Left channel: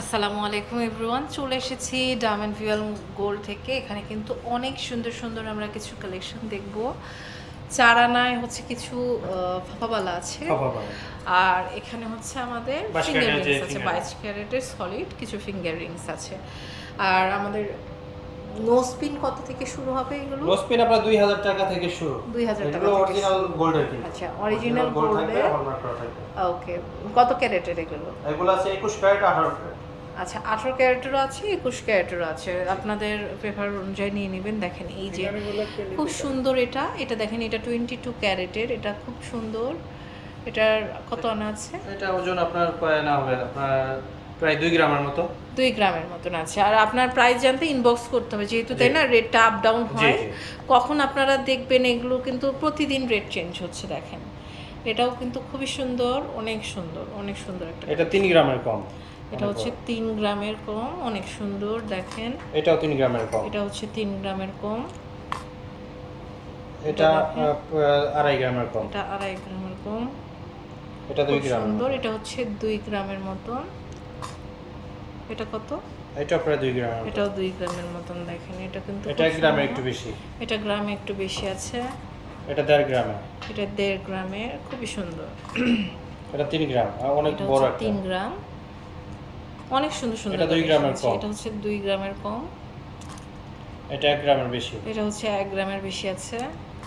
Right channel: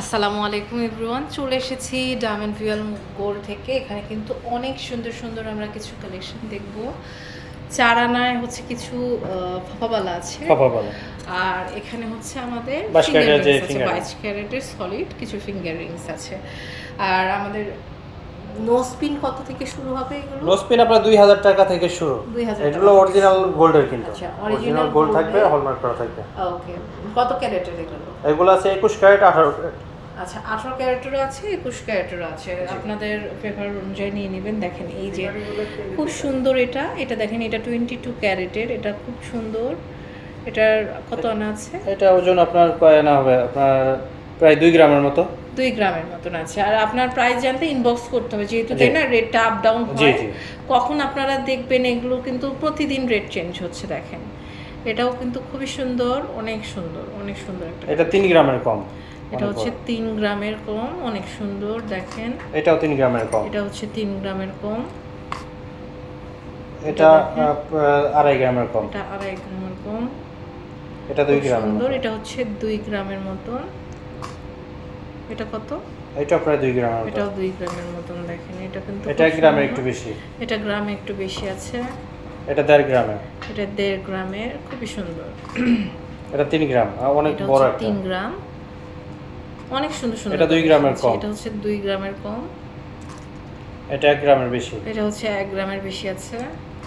আসসালামু আলাইকুম এভরিওয়ান চলে এসেছি ডায়মন্ড ভিউয়াল গোল্ড থেকে। এখানে কিন্তু অনেক সুন্দর সুন্দর আমরা কিছু কালেকশন দেখব। চার আনায় হচ্ছে কিছু ফাফাবালা আছে। আর এখানে হচ্ছে আমাদের ফিঙ্গার রিংস আছে বাইশ ক্যারেটের সলিড কিছু ফিঙ্গার রিংস আছে। আর আমাদের নো স্পিন কত থেকে শুরু হবে এগুলো? রোজপিন আপনার দুই হাজার টাকা থেকে শুরু। 2000 টাকা এগুলো অরিজিনাল গোল্ডের কিন্তু। আচ্ছা, অরিজিনাল গোল্ড থাকবে হলমার্ক করা থাকবে। ওকে কত ক্যারেটের এগুলো? এগুলো আছে একুশ ক্যারেট আঠারো আচ্ছা আঠারো ক্যারেটেরও আছে একুশ ক্যারেটেরও আছে। আপনাদের পেপার অনুযায়ী নিয়ে নেবেন। দেখেন এই যে খুব সুন্দর এটা। এটা দেখেন এটা টোয়েন্টি টু ক্যারেটের। এটা খুব সুন্দর। এটার কত আনা আছে? এটা ওজন আপনার প্রায় না হবে? আপনার প্রায় দুই গ্রামের মতো। দুই গ্রামের মতন আছে। আর আপনার প্রাইস জানতে ইনবক্স করতে হবে যেহেতু তাই না? রেটটা আপ ডাউন হয়। কখন আপনারা দেখবেন এগুলো কিন্তু প্রতিদিন রেট চেঞ্জ হচ্ছে দেখেন। এটাও কিন্তু খুবই সুন্দর অনেক সুন্দর অনেক সুন্দর একটা এটা তিন গ্রামের কম এটা হচ্ছে তিন গ্রামের কম অনেক সুন্দর দেখেন। এটাও তিন গ্রামের কম। এটা হচ্ছে তিন গ্রামের কম। এটা আড়াই গ্রামের কম। এটা আড়াই গ্রামের কম। এটা দুই গ্রামের সুন্দর এটা হচ্ছে দুই গ্রামের মতন। এটা কত? এটা প্রায় দুই গ্রামের মতো। এটাও দুই গ্রামের মতন দেখেন এটা কিন্তু এটা খুব এক একটু বেশি। এটা গ্রামে একটু বেশি আছে। এটা দেড় গ্রামের এটা দেড় গ্রামের খুবই সুন্দর। এটা তিন গ্রাম অনেক বড় একটা। তিন গ্রাম। অনেক সুন্দর সুন্দর এটা দুই collection গ্রামের কম। এটা হচ্ছে দুই গ্রামের কম। এটা এক গ্রামের বেশি। এটা হচ্ছে এক গ্রামের বেশি আছে।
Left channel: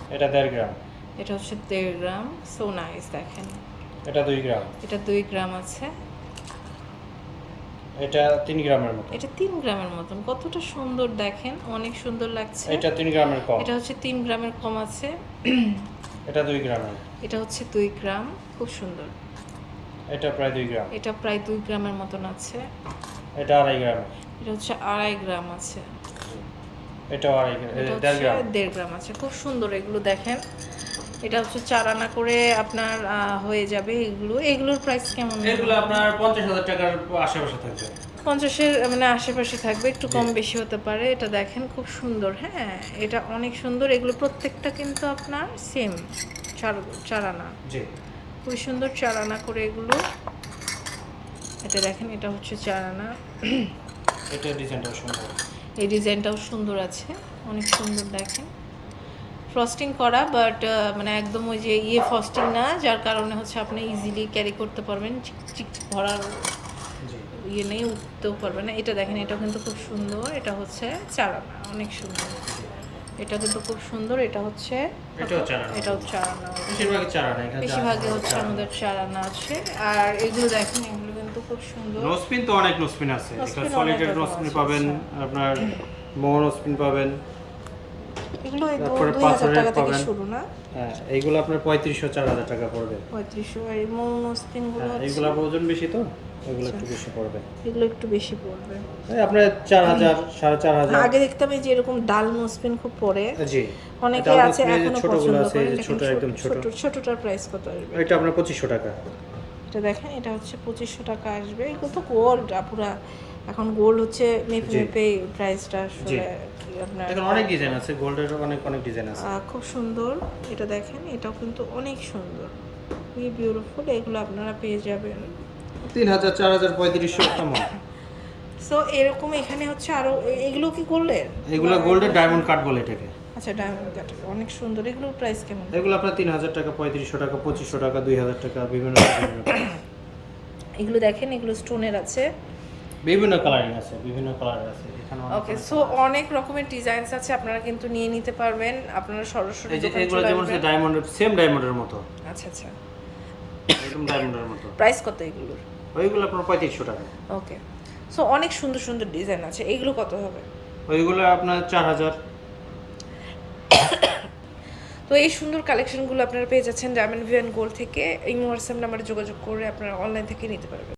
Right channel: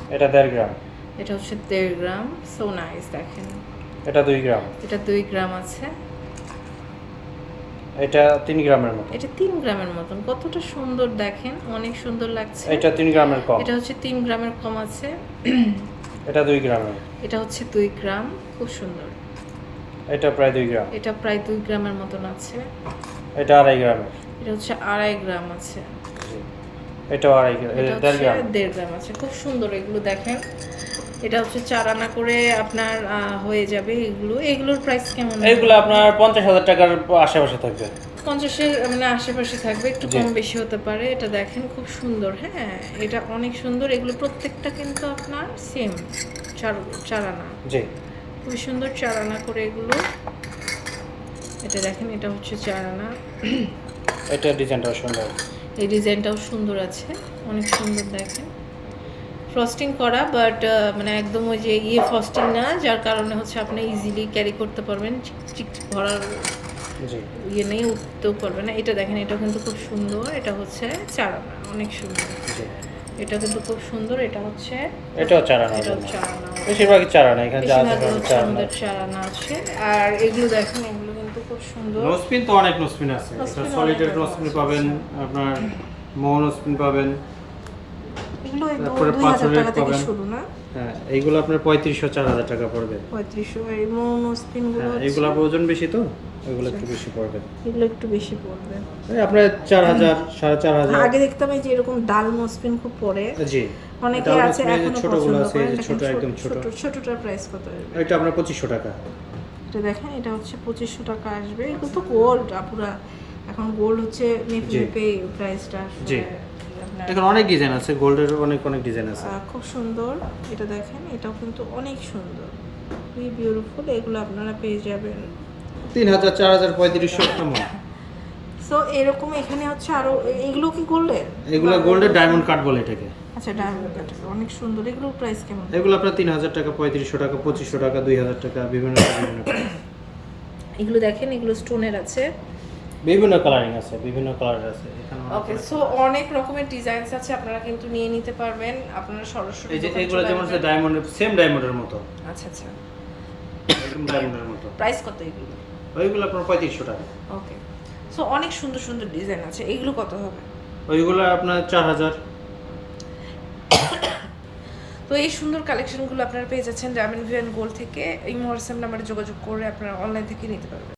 এটা দেড় গ্রাম। এটা হচ্ছে দেড় গ্রাম। সো নাইস দেখেন। এটা দুই গ্রাম। এটা দুই গ্রাম আছে। এটা তিন গ্রামের মতো এটা তিন গ্রামের মতন। কতটা সুন্দর দেখেন অনেক সুন্দর লাগছে। এটা তিন গ্রামের কম। এটা হচ্ছে তিন গ্রামের কম আছে। এটা দুই গ্রামের। এটা হচ্ছে দুই গ্রাম খুব সুন্দর। এটা প্রায় দুই গ্রাম। এটা প্রায় দুই গ্রামের মতন আছে। এটা আড়াই গ্রামের। এটা হচ্ছে আড়াই গ্রাম আছে। জি। এটাও আড়াই গ্রাম এটা গ্রাম। দেড় গ্রাম আছে। খুব সুন্দর এগুলো দেখেন। এটা হচ্ছে চার আনা করে আপনার হয়ে যাবে এগুলো। এগুলোর প্রাইস কেমন? এগুলো আপনার পঞ্চাশ হাজার টাকার আশেপাশে থাকবে। পঞ্চাশে মানে আশেপাশে থাকবে একটু কম বেশি হতে পারে। এটা দেখেন খুব সুন্দর হ্যাঁ? এটা অনেক সুন্দর। এগুলো প্রত্যেকটা কিন্তু আপনার সেম চার চার আনা। জি। খুবই সুন্দর চার আনা করে এগুলো। এটা দেখেন এটা হচ্ছে চার আনা। এটা ডিজাইনটাও সুন্দর। এই ডিজাইনটাও সুন্দর আছে অনেক সুন্দর দেখেন। ফ্রস্টিং করা বাট মানে একদম ওই যে ইয়ে ফ্রস্টিং না যার কারণে হচ্ছে আপনি ইজিলি ক্যারি করতে পারবেন চিক চিক চিক ভরার ইয়ে নেই উঠতেও পারবে না। এটা দেখেন এটা কিন্তু খুব সুন্দর এটা হচ্ছে চারানা অনেক সুন্দর। এটা কিন্তু খুব সুন্দর এটা হচ্ছে এটাও চার আনা এটাও চারানা বেশিরভাগই চার আনা এখানে যা বেশিরভাগই আছে হচ্ছে চার আমাদের চারানা আছে। আর এগুলো দেখেন এগুলো কিন্তু খুব সুন্দর। নোসপিন তো অনেক নোসপিন আছে। এখানে সলিডের নোসপিন পাবেন আপনার মো নোসপিন পাবেন। এগুলো এই দু- তারপরে দুই হাজার টাকা থেকে শুরু না? হ্যাঁ এইগুলো আপনার পঁয়ত্রিশশো চার হাজার টাকা পড়বে। পঁয়ত্রিশশো এই এইগুলো ওজন বেশি তো? এগুলো একটু বেশি পড়বে। এগুলো একটু বেশি পড়বে। এই আপনার চার হাজার সাড়ে চার হাজার আগে দেখতাম এই যে এরকম ডাল মসপিন খুব পড়ে। জি। অনেকে এটা আছে আপনার এই যে এখনও ছোটগুলো আছে, করেন এই যে দেখেন ছোট, একদম ছোট। ছোট ছোটটার প্রাইস কত আসবে? এটা আপনার পঁচিশশো টাকা। এটা দেখেন এটা হচ্ছে পঁচিশশো টাকা আসবে। এগুলো তো গোল্ড আপুরা। এখন গোল্ড হচ্ছে মেপে। মেপে প্রাইসটা। এখন অনেক ডিজাইন আছে গোল্ডের অনেক অনেক ডিজাইন আছে। খুব সুন্দর এটা দেখেন এটাও কিন্তু অনেক সুন্দর। খুবই বিউটিফুল এগুলো আপনারা পেয়ে যাবেন। তিন হাজার চার হাজার পঁয়ত্রিশশো কেমন সো এরকম এখানে হচ্ছে আরও এগুলো কি গোল্ডের এগুলো গোল্ডের ডায়মন্ড কাট বলে এটাকে। আচ্ছা ডায়মন্ড কাটার অনেক সুন্দর। এগুলোর প্রাইস কেমন? এগুলো আপনার তিন হাজার টাকা পঁয়ত্রিশশো টাকা পঁচিশশো টাকা দুই হাজার টাকা বিভিন্ন বিভিন্ন এগুলো দেখেন এগুলো স্টোনের আছে। বিভিন্ন কালারিং আছে বিভিন্ন কালার আছে এখানে ওকে সো অনেক রকমের ডিজাইনস আছে আপনারা কিন্তু নিয়ে নিতে পারবেন। আপনারা সরাসরি এই যে এগুলো যেমন আসবেন। ডায়মন্ডের সেম ডায়মন্ডের মতো। আচ্ছা আচ্ছা। একদম ডায়মন্ডের মতো। প্রাইস কত এগুলো? ওইগুলো আপনার পঁয়ত্রিশশো টাকা। ওকে সো অনেক সুন্দর সুন্দর ডিজাইন আছে। এগুলো কত হবে? ওইগুলো আপনার চার হাজার। তো এই সুন্দর কালেকশনগুলো আপনারা পেয়ে যাচ্ছেন ডায়মন্ড ভিয়ান গোল্ড থেকে। এই হোয়াটসঅ্যাপ নাম্বারে যোগাযোগ করে আপনারা অনলাইন থেকে নিতে পারবেন।